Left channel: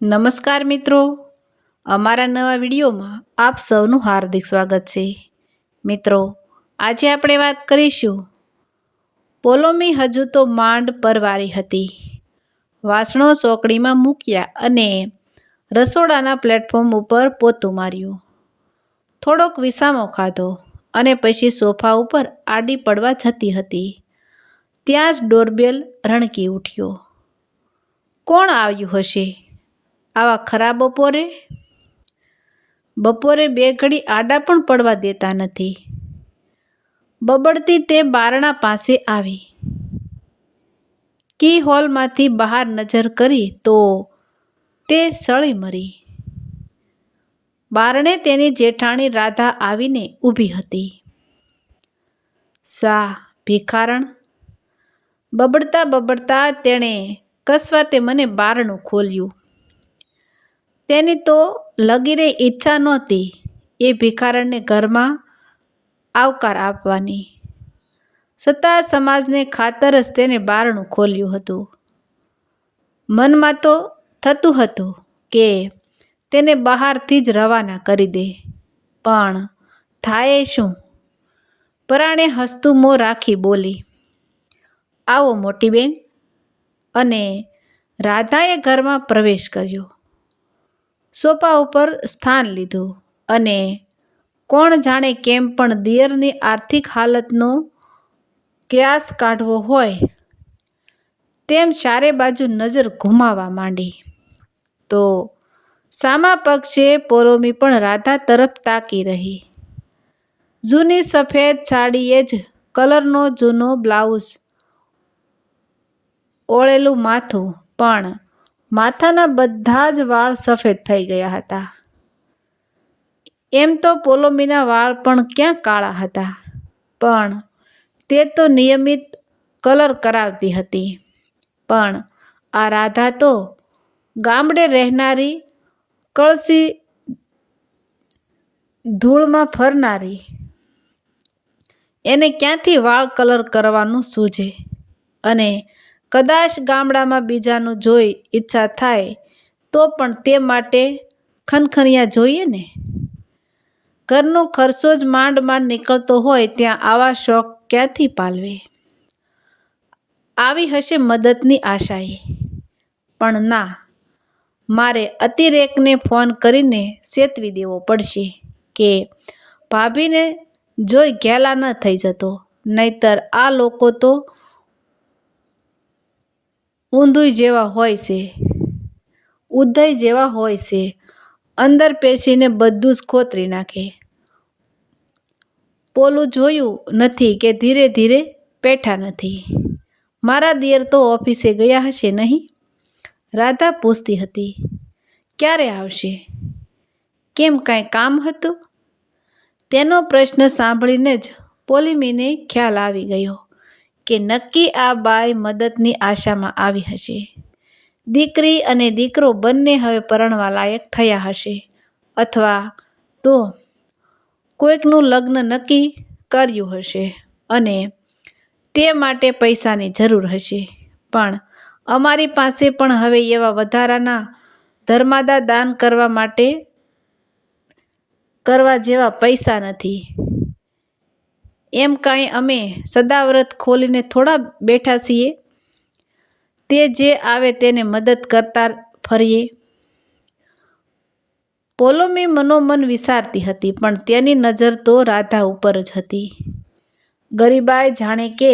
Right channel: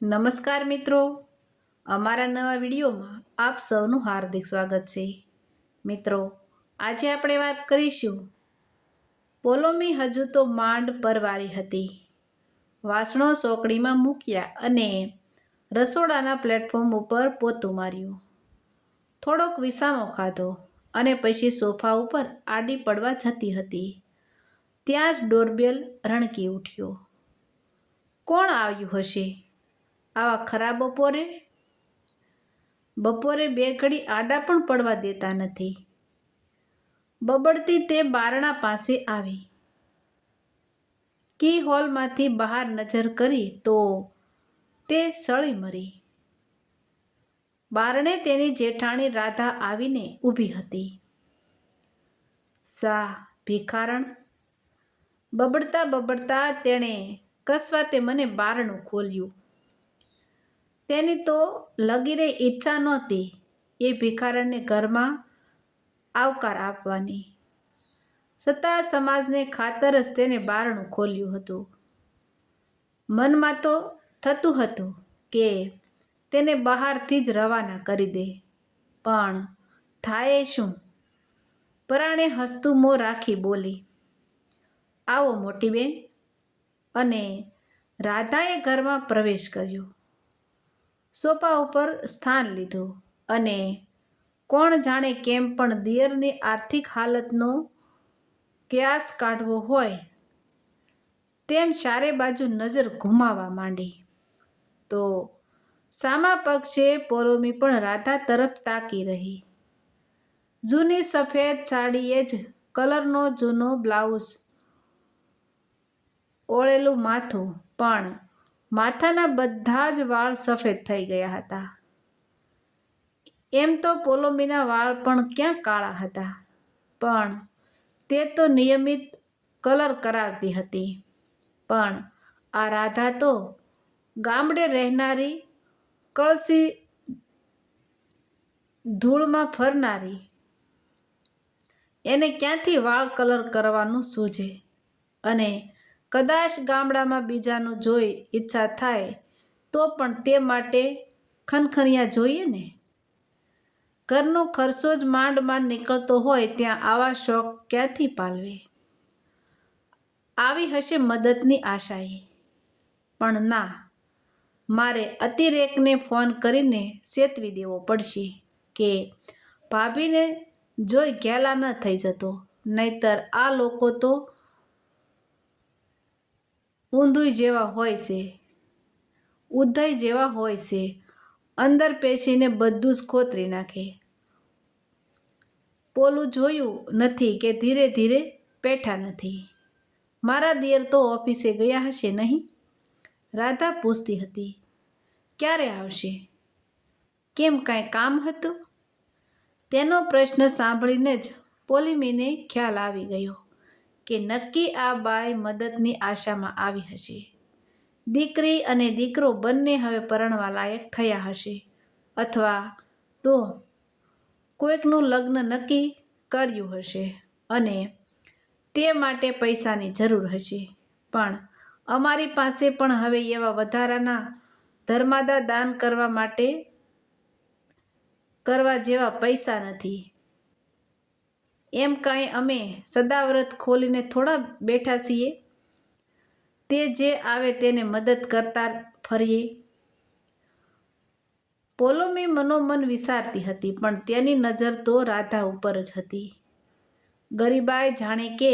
નમસ્કાર મિત્રો, અમારા નવા વિડીયોમાં આપ સૌનું હાર્દિક સ્વાગત છે. મિત્રો, આજે આપણે વાત કરીશું. પોલોમી હજુ તો માંડ પરવારી હતી. વાસણો સોકડીમાં મૂક્યા અને રસોડાના પ્લેટફોર્મ ઉપર પોતું માર્યું. થોડોક વિસામો ખાધો અને પછી સોફા ઉપર આડી પડવા જતી હતી. ત્યાં જ ડોરબેલ રણકી ઉઠ્યો. કોણ આવ્યું હશે આવા ખરા બપોરે બે ઘડી આડા પણ પડવા દેતા નથી. બબડતી તે બારણા પાસે આવી. કી હોલમાંથી બહાર નજર કરી તો તે સળી મરી. બારણે તેની જેઠાણી રાધા આવીને ઊભી હતી. સા ભિખારણ, બબડતા તેણે કસવાતે મને બારણું ખોલ્યું. તેની તો લગીરે ઈચ્છા નહોતી એ ભિખારણને ઘરમાં આવકાર આપવાની. છતાં સમાજને ખાતર જ તેને બારણું ખોલ્યું હતું. મનમાં તો થતું હતું કે તેને બહારથી જ રવાના કરી દે, પણ થાય શું? પરાણે હસતું મોં રાખી બોલી, આવો મોટી બેન. અને રાધાએ ઘરમાં પ્રવેશ કર્યો. સોફા ઉપર સ્થાન લીધું અને કોણ જાણે કેમ પણ દિયરની આર્થિક હાલતનો ક્યાસ કાઢવો હોય તેમ ચારે બાજુ નજર ઘુમાવવા માંડી. તો સામા પક્ષે પોલોમી પણ રાધા તરફ તાકી રહી. જૂની સફેદ સાડીએ જ કલરનો જૂનો બ્લાઉઝ, ઓળેલું માથું, પણ માથાના બધા જ વાળ સફેદ થઈ ગયા હતા. એમ તો પોલોમીના વાળ પણ ક્યાં કાળા હતા, પણ તે તો નિયમિત કલર કરાવતી હતી. પણ આ રાધા તો ગામડે રહેનારી, કળસી ધૂળમાં ફરનારી, એને ક્યાંથી વાળ કલર કરવાનું સૂઝે? અને કદાચ ગામડામાં બીજાનું જોઈ ઈચ્છા થાય તો પણ તે માટે ખનખનિયા જોઈએ ને. ઘરનો ખર્ચો જ માંડ નીકળતો હોય ત્યાં આવા શોખ ક્યાંથી પાલવે? આવી હશે મદદની આશાએ, પણ ના, મારે અતિરેકને ફોન કરીને ચેતવી દેવો પડશે કે ભાભીને જોઈ ઘેલા ન થઈ જતો, નહીતર આ લોકો તો ઉધઈ જેવા હોય છે, અંદર પેશીને બધું જ ખોતરી નાખે. પોલું જોયું નથી કે ધીરે ધીરે પેઠા નથી. મારા દિયર તો ઓફિસે ગયા હશે નહીં? રાધા પૂછતી હતી. ક્યારે આવશે? કેમ કાંઈ કામ હતું? તેનો પ્રશ્ન સાંભળીને જ પોલીમીને ખ્યાલ આવી ગયો કે નક્કી આ બાઈ મદદની આશામાં આવી હશે. દીકરી અને દીકરો બંને હવે પરણવા લાયક થયા હશે, અથવા તો કોઈકનું લગ્ન નક્કી કર્યું હશે અને તે માટે પૈસાની જરૂર હશે. પણ અમારી પાસે પણ હવે એવા વધારાના ધર્માદા દાન કરવા જેવા પૈસા નથી. એમ કાંઈ અમે સદાવ્રત ખોલીને થોડા બેઠા છીએ? તે જે આવે તેને મદદ કરતા ફરીએ. પોલોમી મનોમન વિચારતી હતી, પણ તેની નજર તો રાધા ઉપર જ હતી. ગરીબાઈ જાણે કે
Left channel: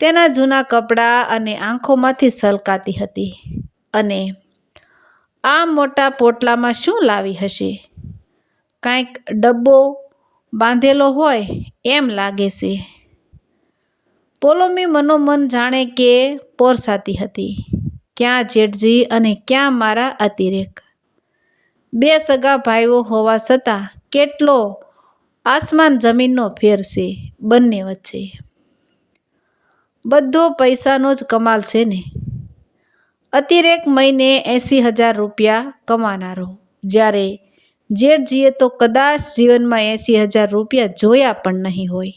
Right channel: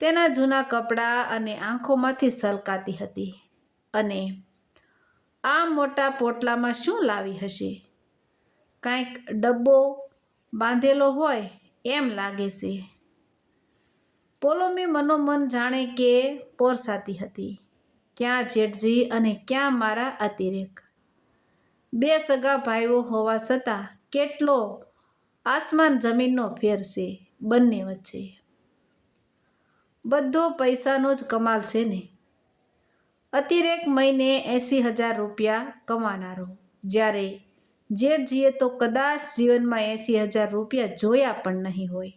તેના જૂના કપડાં અને આંખોમાંથી છલકાતી હતી. અને આ મોટા પોટલામાં શું લાવી હશે? કાંઈક ડબ્બો બાંધેલો હોય એમ લાગે છે. પોલોમી મનોમન જાણે કે પોરસાતી હતી. ક્યાં જેઠજી અને ક્યાં મારા અતિરેક? બે સગા ભાઈઓ હોવા છતાં કેટલો આસમાન જમીનનો ફેર છે બંને વચ્ચે. બધો પૈસાનો જ કમાલ છે ને. અતિરેક મહિને 80,000 રૂપિયા કમાનારો, જ્યારે જેઠજીએ તો કદાચ જીવનમાં 80,000 રૂપિયા જોયા પણ નહીં હોય.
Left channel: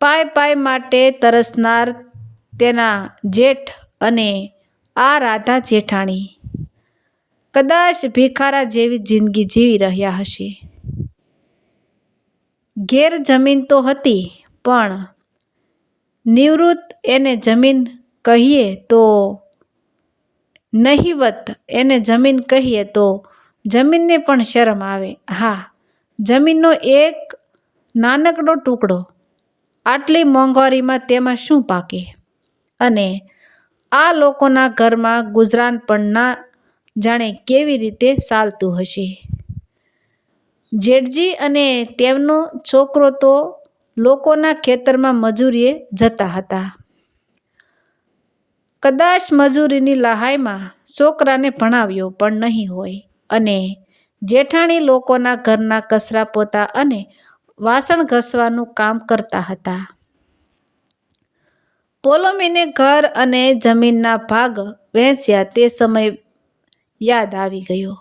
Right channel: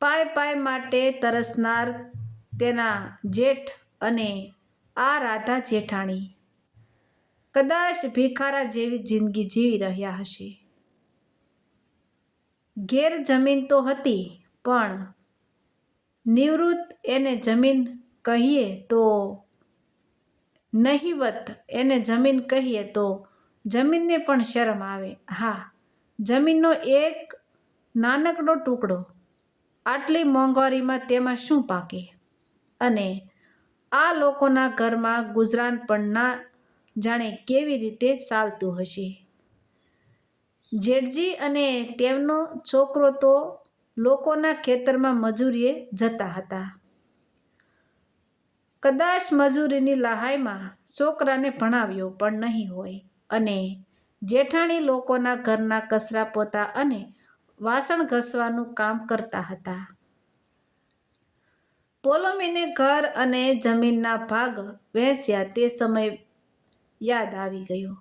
પાય માટે તરસનાર તેના જેઠ અને આ રાધા જેઠાણી કદાચ ભિખારા જેવી જિંદગી જીવી રહ્યા હશે. ઘેર જમીન તો હતી, પણ નિવૃત્ત એને જમીન કહીએ તો નહિવત એને જમીન કહીએ તો જમીનને પણ શરમ આવે. હા, જમીનનો એક નાનકડો ટુકડો, આટલી મોંઘવારીમાં તેમાં શું પાકે? અને આ લોકોના ઘરમાં ગુજરાન પણ ના જાણે કેવી રીતે ચાલતું હશે. જેઠજી અને તેમનો છોકરો તો લોકોના ખેતરમાં મજૂરીએ જતા હતા. કદાચ મજૂરીની લહાઈમાં છોકરાને ભણાવ્યો પણ નહીં હોય, અને જેઠાણી લોકોના ઘરના કચરા પોતા અને વાસણ ઘસવાનું કામ કરતા હતા. પોલોમીને ઘર અને જમીનના ભાગ વહેંચ્યા તે સમય યાદ આવી ગયો.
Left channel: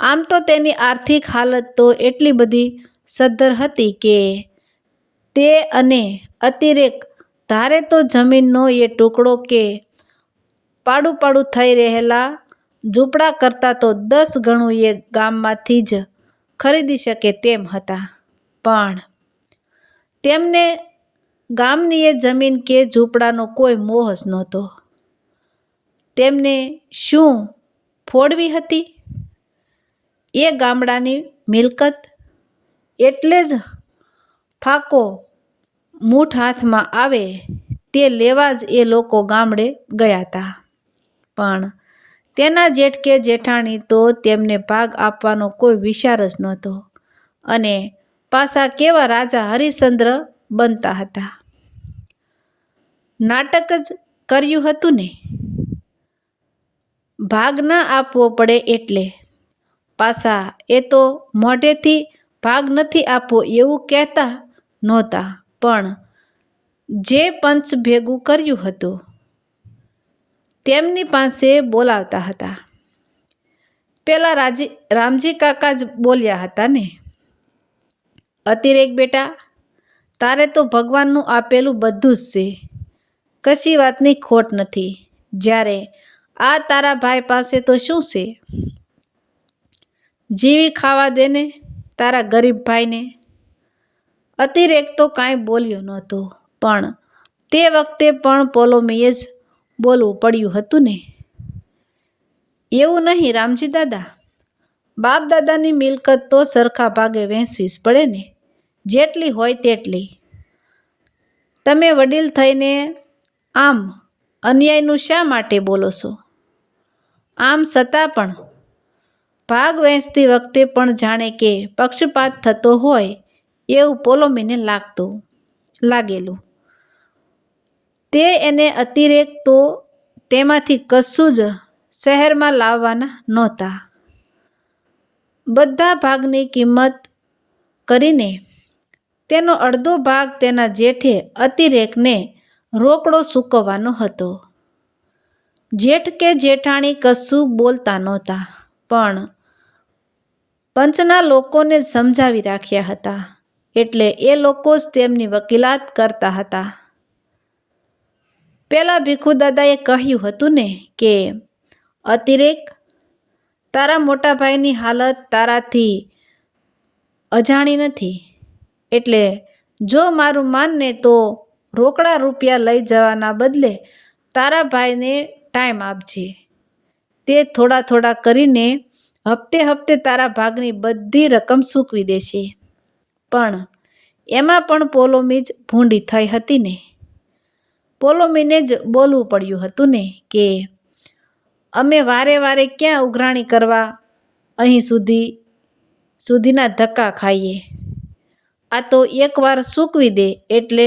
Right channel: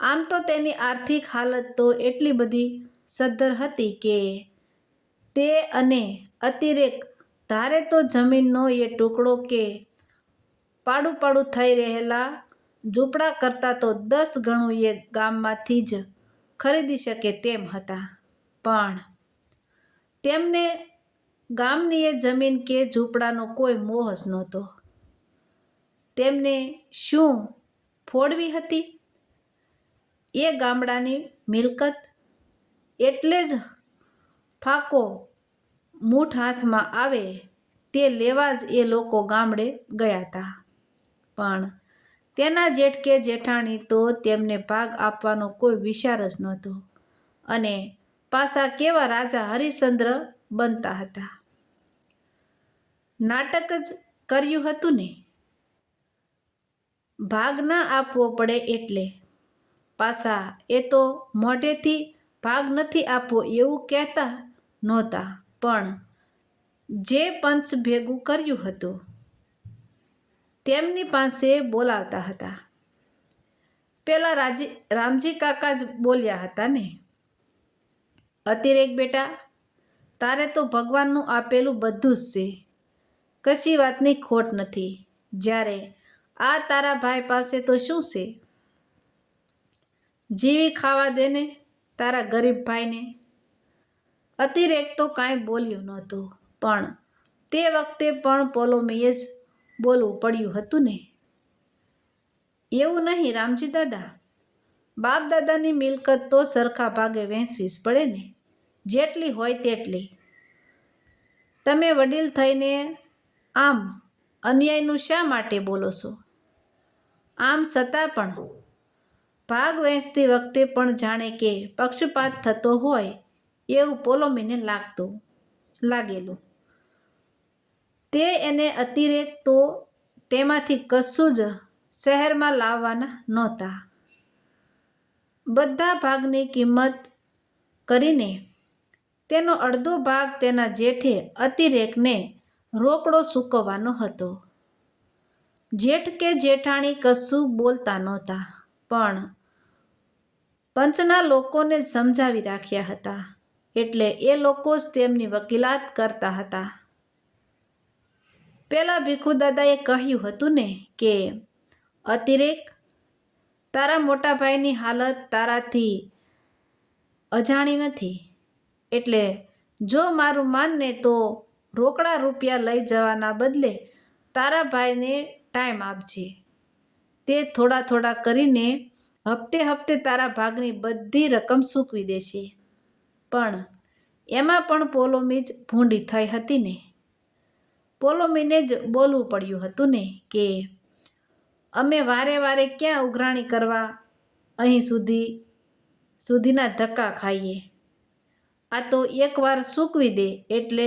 આમ તો તેની આર્થિક હાલત તો એટલી બધી સદ્ધર હતી કે તે અને અતિરેક ધારે તો જમીનનો એ ટુકડો કે પાડું થઈ રહેલા ઝૂંપડા કરતાં તો 10 ગણું એ ગામમાંથી જ ખરીદી શકે તેમ હતા. પણ તેમને ગામની એ જમીન કે ઝૂંપડાનો કોઈ મોહ જ નહોતો. તેમને શું ફોડવી હતી? એ ગામડાની મિલકત. એટલે જ ફાકો મૂઠ હાથમાં આવે તે લેવા જ એ લોકો ગામડે ગયા હતા. પણ તેના જેઠ કે જેઠાણી તો તેમને ભાગ આપવાનો કોઈ વિચાર જ નહોતો, અને પાછા કેવા રાજા હરિશ્ચંદ્ર બનતા હતા. નાટક જ કર્યું હતું ને! ભાગ ના આપવો પડે એટલે. પાછા એ તો મોઢેથી ભાગ નથી આપવો એવું કહેતા નહોતા, પણ જે પંચ ભેગું કર્યું હતું તેમની પાસે બોલાવતા હતા. પેલા રામજી કાકા જ બોલ્યા હતા ને, અતિરેક બેટા, તારે તો ભગવાનનું આપેલું બધું જ છે, કશી વાતની ખોટ નથી. જ્યારે આ તારા ભાઈ પાસે તો શું છે? જીવી ખાવા દે ને તારા ગરીબ ભાઈને. અતિરેક તો કાંઈ બોલ્યો નહોતો, પણ તે વખતે પણ પોલોમીએ જ બોલવું પડ્યું હતું ને. એવું નહીં રામજી દાદા, બાપ દાદાની મિલકત તો સરખા ભાગે વહેંચવી જ પડે ને, જેટલી હોય તેટલી. તમે વડીલ થઈને આમ અન્યાયનું શા માટે બોલો છો? આમ છતાં પણ ભાગ વહેંચતી વખતે પણ જાણે કે પક્ષપાત થતો હોય એવું પોલોમીને લાગેલું. તે એને અતિરેક તો તેમાંથી કશું જ શહેરમાં લાવવાના નહોતા. બધા ભાગની કિંમત કરીને તેનો અડધો ભાગ તેના જેઠે અતિરેકને રોકડો ચૂકવવાનો હતો. જેઠ કે જેઠાણી કશું બોલતા નહોતા, પણ પંચના લોકોને જ સમજાવી રાખ્યા હતા, એટલે એ લોકો જ તેમની વકીલાત કરતા હતા. પેલા ભીખુદાદાએ કહ્યું હતું ને કે, અતિરેક, તારા મોટા ભાઈની હાલત તારાથી અજાણી નથી, એટલે જો મારું માનને તો રોકડા રૂપિયા લઈ જવાના બદલે તારા ભાઈને ટાઈમ આપજે. તે થોડા કરીને હપ્તે તારા ભાગની બધી રકમ ચૂકવી દેશે. પણ એમાં પણ પોલોમી જ ભૂંડી થઈ હતી ને. પોલોમીને જ બોલવું પડ્યું હતું ને કે, અમે વારે ક્યાં ઉઘરાણી કરવા અહીં સુધીના ધક્કા ખાઈએ. આ તો એકવાર ચૂકવી દે એટલે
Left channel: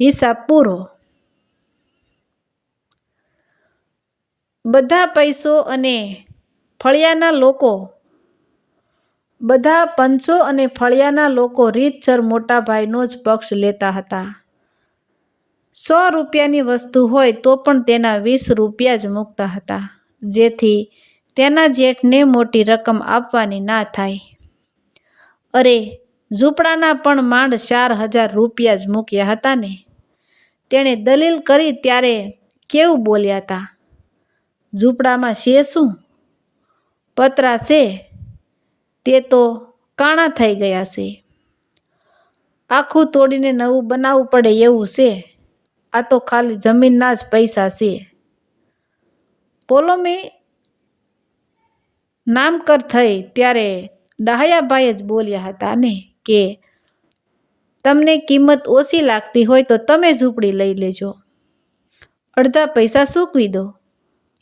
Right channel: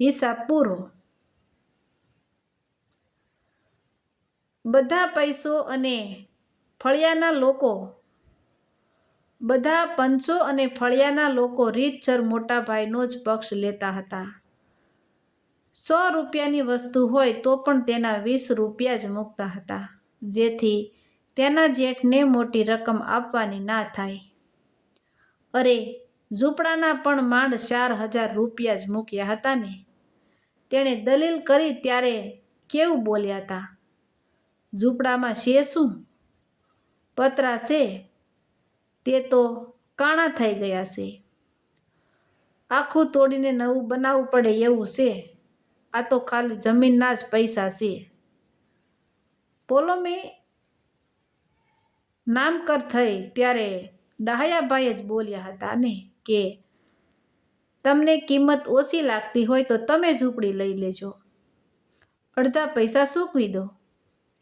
હિસાબ પૂરો. બધા પંચો અને ફળિયાના લોકો રીતસર મોટા ભાઈનો જ પક્ષ લેતા હતા. 100 રૂપિયાની વસ્તુ હોય તો પણ તેના 20 રૂપિયા જ મૂકતા હતા, જેથી તેના જેઠને મોટી રકમ આપવાની ના થાય. અરે, ઝૂંપડાના પણ માંડ 4000 રૂપિયા જ મૂક્યા હતા ને. તેણે દલીલ કરી ત્યારે કેવું બોલ્યા હતા. ઝૂંપડામાં છે શું? પતરા છે તે તો કાણા થઈ ગયા છે. આખું તોડીને નવું બનાવવું પડે એવું છે. આ તો ખાલી જમીનના જ પૈસા છે. પોલોમી નામકર થઈ ત્યારે ડાહયાભાઈ જ બોલ્યા હતા ને કે તમને કિંમત ઓછી લાગતી હોય તો તમે ઝૂંપડી લઈ લેજો, અડધા પૈસા ચૂકવી દો.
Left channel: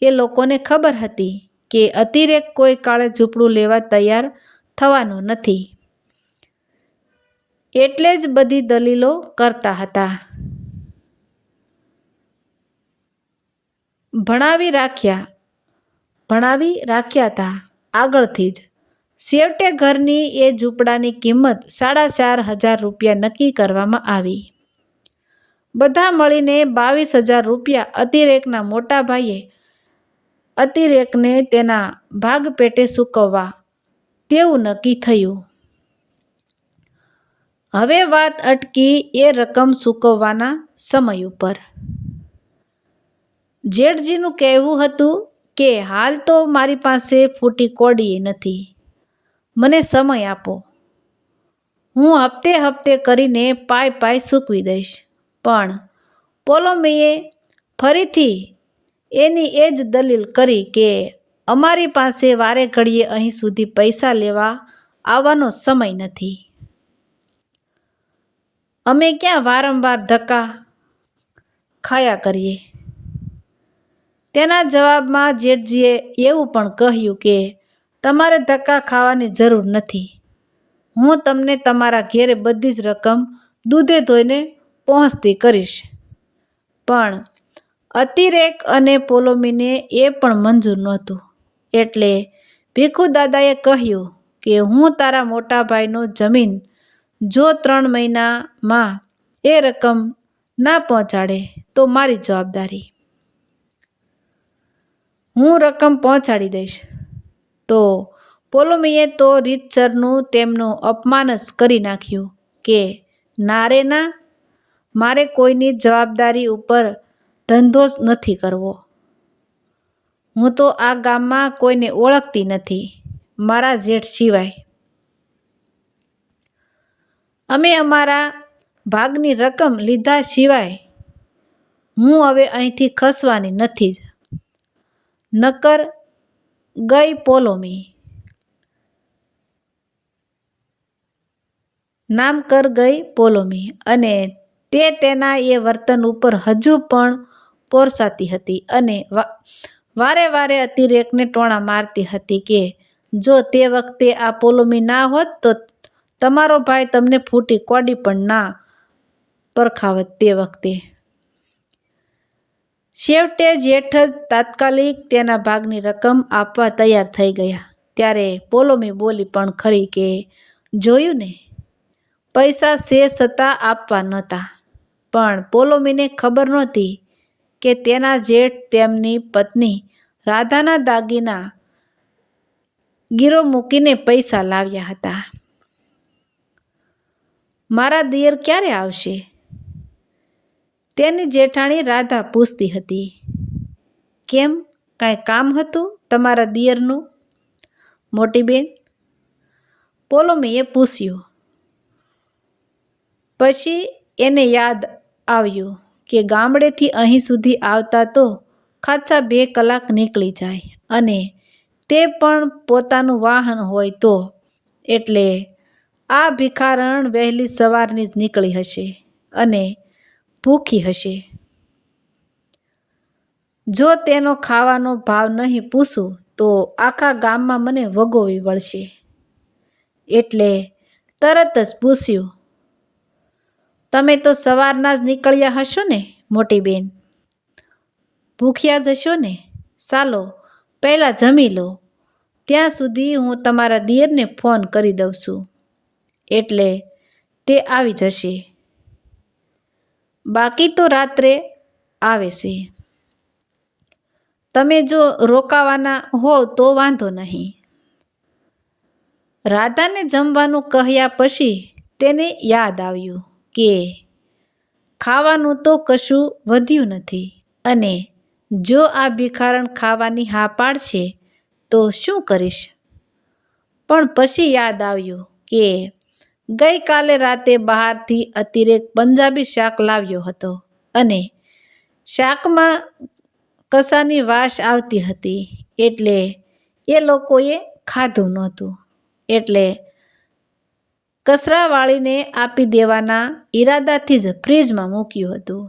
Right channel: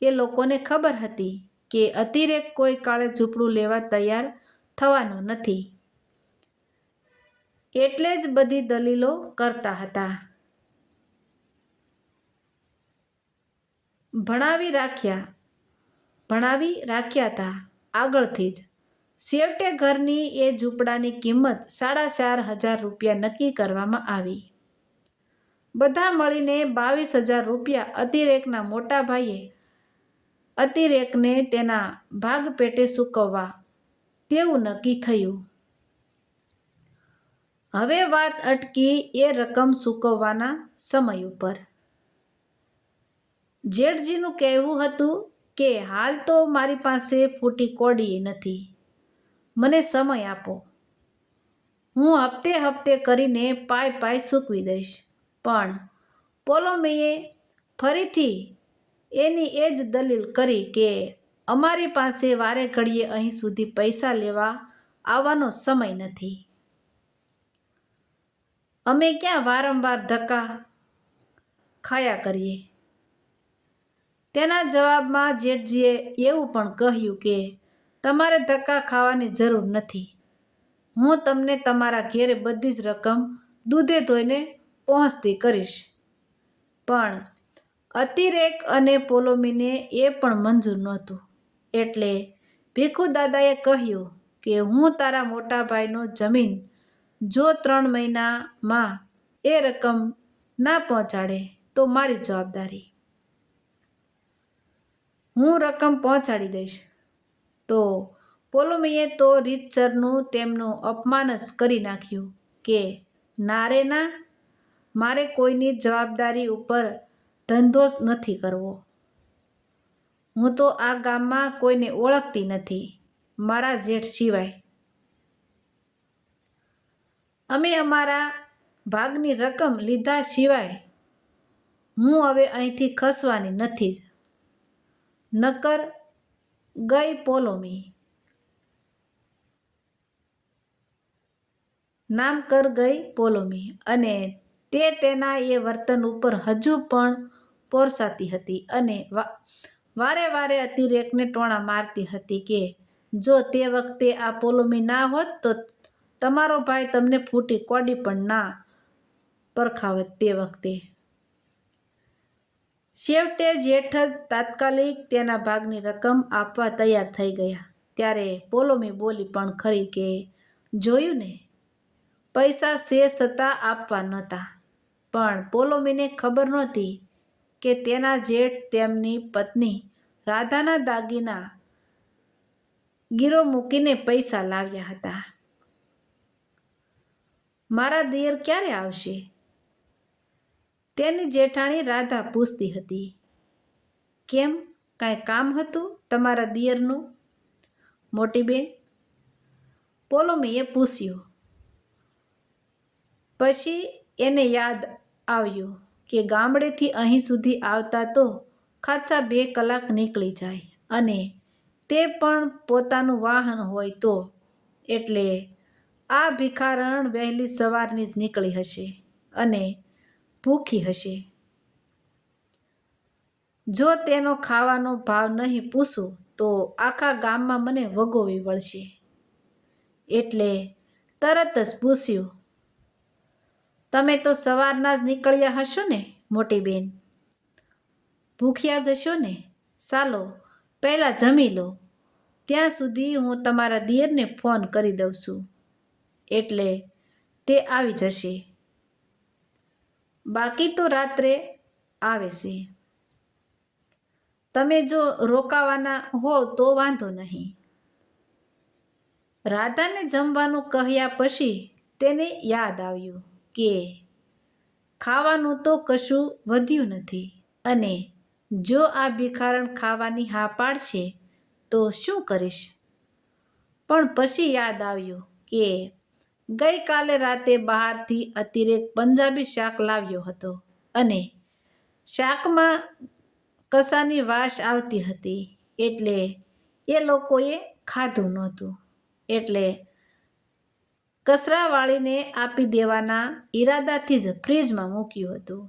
એ લોકોને ખબર હતી કે અતિરેક કોઈ કાળે ઝૂંપડું લેવા તૈયાર થવાનો નથી, એટલે જ બધી દલીલો કરતા હતા. ભણાવી રાખ્યા હતા આગળથી જ. છેવટે ઘરની એ ઝૂંપડાની કિંમત 4,500 રૂપિયા નક્કી કરવામાં આવી. બધા મળીને 22,000 રૂપિયા અતિરેકના મોટા ભાઈએ અતિરેકને તેના ભાગ પેટે ચૂકવવા તેવું નક્કી થયું. હવે વાત અટકી એ રકમ ચૂકવવાના સમય ઉપર. જેઠજીનું કહેવું હતું કે હાલ તો મારી પાસે ફૂટી કોડીએ નથી, મને સમય આપો, હું હપ્તે હપ્તે કરીને પાય ચૂકવી દઈશ. પણ પોલોમીએ ફરીથી એની એ જ દલીલ કરી કે અમારી પાસે વારે ઘડીએ અહીં સુધી પૈસા લેવા આવવાનો સમય નથી. અમે ક્યાં વારંવાર ધક્કા ખાયા કરીએ. તેના જવાબમાં જેઠજીએ એવું પણ કહ્યું કે તમારે ધક્કા ખાવાની જરૂર નથી. હું તમને તમારા ઘેરે બધી જ રકમ દૂધે ધોઈને પહોંચતી કરીશ. પણ અતિરેક અને પોલોમીને એ પણ મંજૂર નહોતું. એટલે ભીખુદાદાએ કહ્યું કે હું તારા મોટા ભાઈનો જમીન જો 3 મહિનામાં એ રકમ ના પહોંચાડે તો મારી જવાબદારી. હું રકમ પહોંચાડી દઈશ. તો પોલોમીએ તો રીતસરનું તેમનું અપમાન જ કરી નાખ્યું કે ના રે ના, મારે કોઈની જવાબદારી ઉપર ધંધો જ નથી કરવો. હું તો આ ગામમાં કોઈને ઓળખતી નથી મારા જેઠ સિવાય. અમે અમારા ભાગની રકમ લીધા સિવાય હું હવે અહીંથી ખસવાની નથી જ. નકર ગઈ પોલોમી. નામ કર ગઈ પોલોમી. અને તે તેના એ વર્તન ઉપર હજુ પણ પોરસાતી હતી અને વારે વારે અતિરેકને ટોણા મારતી હતી કે જો તે વખતે આ પોલોમી ના હોત તો તમારો ભાઈ તમને ફૂટી કોડી પણ ના પરખાવત. તે વખતે છેવટે જેઠ જ તાત્કાલિક તેના ભાગની રકમ આપવા તૈયાર થઈ ગયા. ત્યારે પોલોમી બોલી પણ ખરી કે જોયું ને, પૈસા છે છતાં આપવા નહોતા. પણ પોલોમીને ખબર નહોતી કે તેના જેઠ તેમની પત્ની રાધાના દાગીના ગીરો મૂકીને પૈસા લાવ્યા હતા. મારા દિયર ક્યારે આવશે? તેની જેઠાણી રાધા પૂછતી હતી. કેમ, કાંઈ કામ હતું તમારા દિયરનું મોટી બેન? પોલોમીએ પૂછ્યું. પછી એને યાદ આવ્યું કે ગામડેથી અહીં સુધી આવતા તો ખાસા 2 કલાક નીકળી જાય અને તે પણ પોતાનું વાહન હોય તો. એટલે આ ભિખારણ વહેલી સવારની જ નીકળી હશે અને ભૂખી હશે. જો તેનો ખાવાનો ભાવ નહીં પૂછું તો આખા ગામમાં મને વગોવી વળશે. એટલે તરત જ પૂછ્યું. તમે તો સવારના જ નીકળ્યા હશો ને મોટી બેન? ભૂખ્યા જ હશો ને? ચાલો પહેલાં જમી લો, ત્યાં સુધી હું તમારા દિયરને ફોન કરી દઉં છું, એટલે તે આવી જશે. બાકી તો રાત્રે આવે છે. તમે જો રોકાવાના હોવ તો વાંધો નહીં. રાધાને જમવાનું કહ્યા પછી તેને યાદ આવ્યું કે ખાવાનું તો કશું વધ્યું નથી અને જો આ ભિખારણ ખાવાની હા પાડશે તો શું કરીશ? પણ પછી યાદ આવ્યું કે ગઈકાલે રાતે બહારથી અતિરેક પંજાબી શાક લાવ્યો હતો અને શાકમાં કસાની વાસ આવતી હતી, એટલે એ લોકોએ ખાધું નહોતું. એટલે કચરાવાળીને આપી દેવાના ઈરાદાથી જ ફ્રીજમાં મૂક્યું હતું.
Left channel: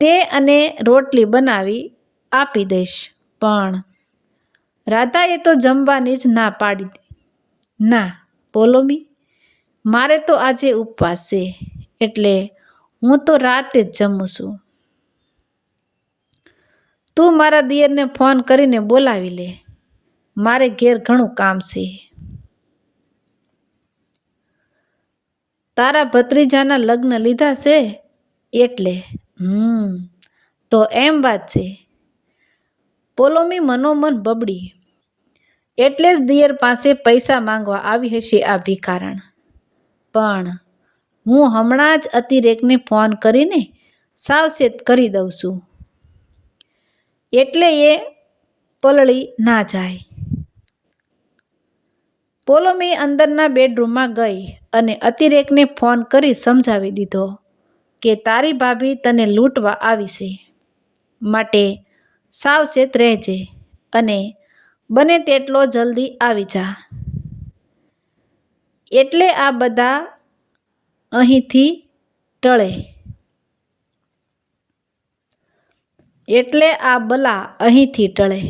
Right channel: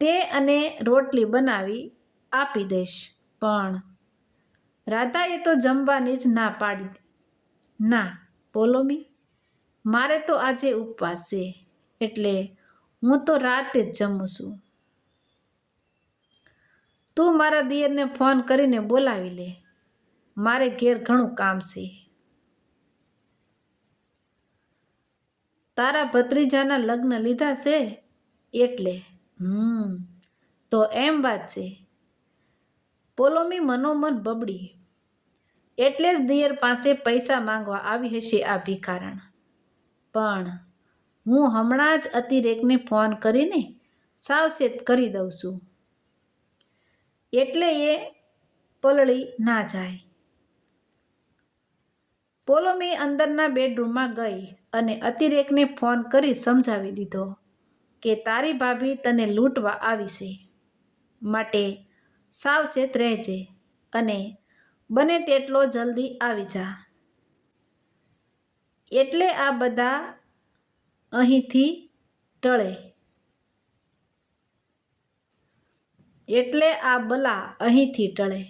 તે અને રોટલી બનાવી આપી દઈશ. પણ રાધાએ તો જમવાની જ ના પાડી. ના પોલોમી, મારે તો આજે ઉપવાસ છે, એટલે હું તો રાતે જ જમું છું. તું મારા દિયરને ફોન કરીને બોલાવી લે, મારે ઘેર ઘણું કામ છે. તારા ભત્રીજાના લગ્ન લીધા છે એટલે? તો એમ વાત છે. પોલોમી મનોમન બબડી. એટલે જ દિયર પાસે પૈસા માંગવા આવી હશે આ ભિખારણ. પણ હું હમણાં જ અતિરેકને ફોન કરીને સાવચેત કરી દઉં છું, એટલે એ પલળી ના જાય. પોલોમી અંદરના બેડરૂમમાં ગઈ અને અતિરેકને ફોન કરી સમજાવી દીધો કે તારી ભાભી તને લૂંટવા આવી છે, માટે સાવચેત રહેજે અને બને તેટલો જલ્દી આવી જા. એટલે આ બધા અહીંથી ટળે. એટલે આ બલા અહીંથી ટળે.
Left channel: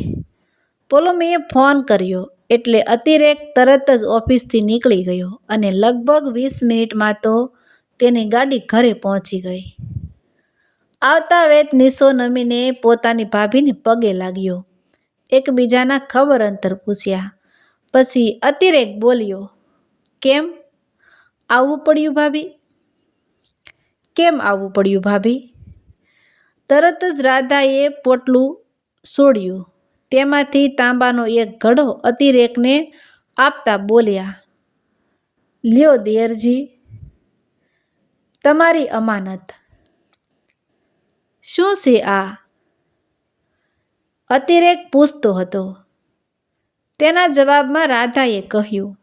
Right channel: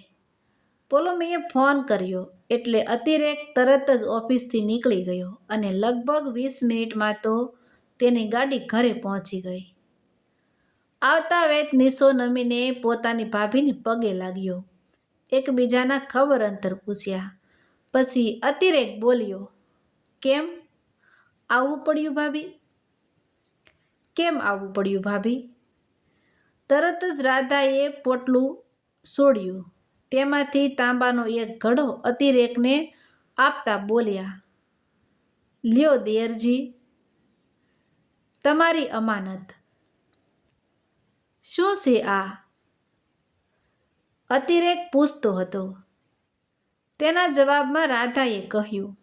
પોલોમીએ ફોન કર્યો એટલે અતિરેક તરત જ ઓફિસથી નીકળી ગયો અને લગભગ 20 મિનિટમાં તો તેની ગાડી ઘરે પહોંચી ગઈ. આવતા વેત નિશો નમીને પોતાની ભાભીને પગે લાગ્યો. એકબીજાના ખબર અંતર પૂછ્યા. પછી અતિરેક બોલ્યો, કેમ આવવું પડ્યું ભાભી? કેમ આવવું પડ્યું ભાભી? તરત જ રાધાએ પોટલું છોડ્યું. તેમાંથી તાંબાનો એક ઘડો અતિરેકને આપતા બોલ્યા, લ્યો દિયરજી, તમારી અમાનત. શું છે આ? અતિરેક પૂછતો હતો. તેના જવાબમાં રાધાએ કહ્યું,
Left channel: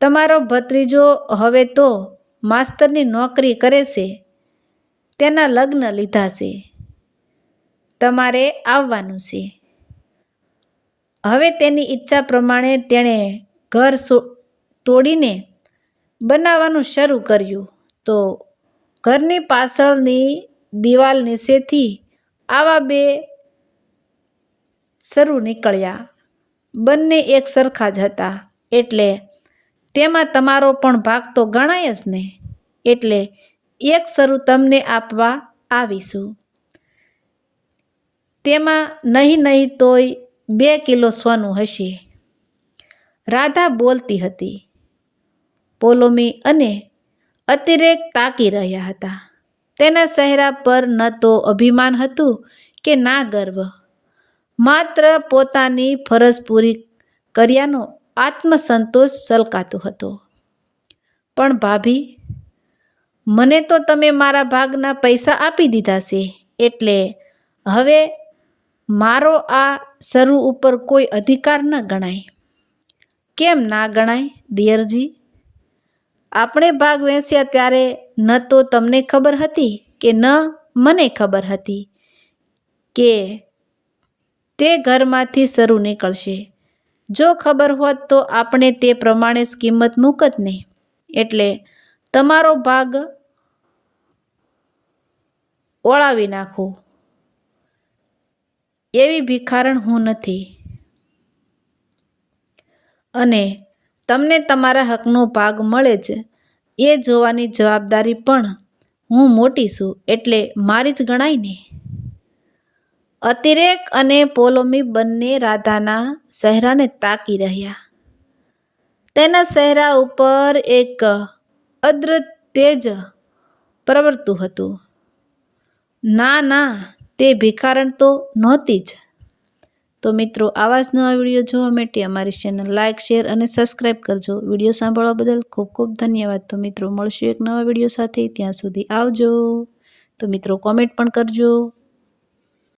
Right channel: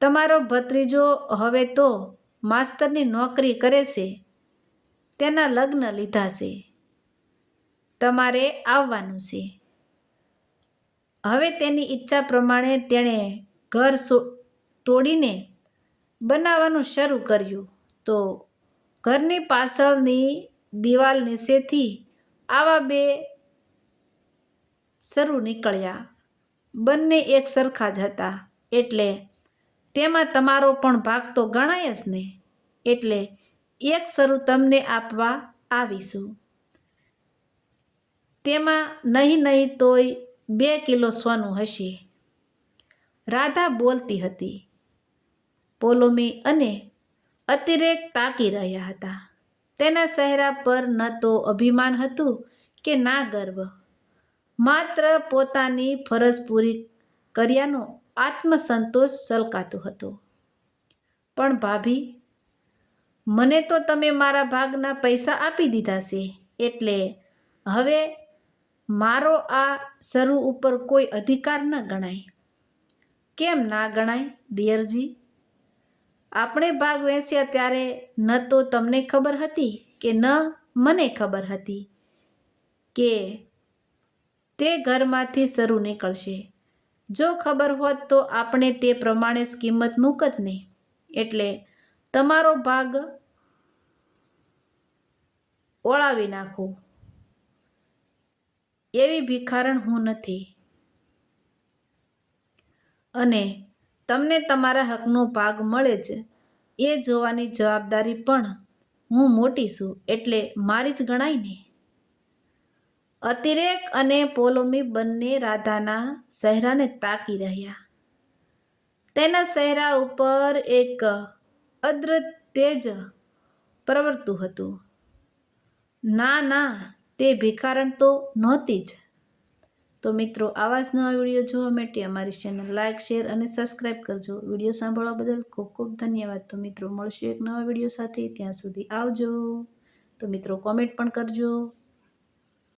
તમારો ભત્રીજો હવે તો માસ્તરની નોકરી કરે છે, તેના લગ્ન લીધા છે, તમારે આવવાનું છે. હવે તેની ઈચ્છા પ્રમાણે તેણે ઘર તોડીને બનાવવાનું શરૂ કર્યું, તો ઘરની પાછળની દિવાલ નીચેથી આવા બે શરૂ નીકળ્યા. બંને એક સરખા જ હતા, એટલે તેમાં તમારો પણ ભાગ તો ગણાય જ ને. એટલે એક શરૂ તમને આપવા આવીશું. તેમાં નહીં તોય 2 કિલો સોનું હશે. રાધા બોલતી હતી. પોલોમી અને અતિરેક તાકી રહ્યા હતા. તેના ચહેરા પર ન તો અભિમાન હતું કે ના ગર્વ, માત્ર પોતાની ફરજ પૂરી કર્યાનો આત્મસંતોષ છલકાતો હતો. પણ ભાભી, મને તો તમે મારા ભાગના પૈસા આપી દીધા છે, એટલે હવે મારો આ શરૂ ઉપર કોઈ અધિકાર ન ગણાય. કેમ ના ગણાય દિયરજી? આપણે ભાગ વહેંચ્યા ત્યારે ન તો તમને ખબર હતી કે ન મને ખબર હતી કે તે ઘરમાંથી શરૂ નીકળશે. જો ખબર હોત તો આપણે તે પ્રમાણે જ કિંમત મૂકત ને. એટલે તમારો ભાગ ઓળાવી નાખો. એવી ભિખારણ હું નથી. અને તમને તમારા હકનો ભાગ મળે જ એ જોવાની જવાબદારી પણ હું મોટી છું, એટલે મારી જ ગણાય ને. અતિરેક અને પોલોમી બંને રાધાના ચહેરાને તાકી રહ્યા. તેના ચહેરા ઉપર એક અદ્ભુત તેજ પ્રવર્તતું હતું. ના, તે ભિખારણ તો નહોતી જ. તો મિત્રો, આવા જ નવા વિડીયો જોવા માટે અમારી ચેનલ લાઇક, શેર અને સબસ્ક્રાઈબ કરજો. વિડીયો સાંભળવા બદલ ખૂબ ખૂબ ધન્યવાદ. તો મિત્રો, મળશું એક નવા વિડીયો સાથે. ત્યાં સુધી આવજો. તો મિત્રો કોમેન્ટ પણ કરજો.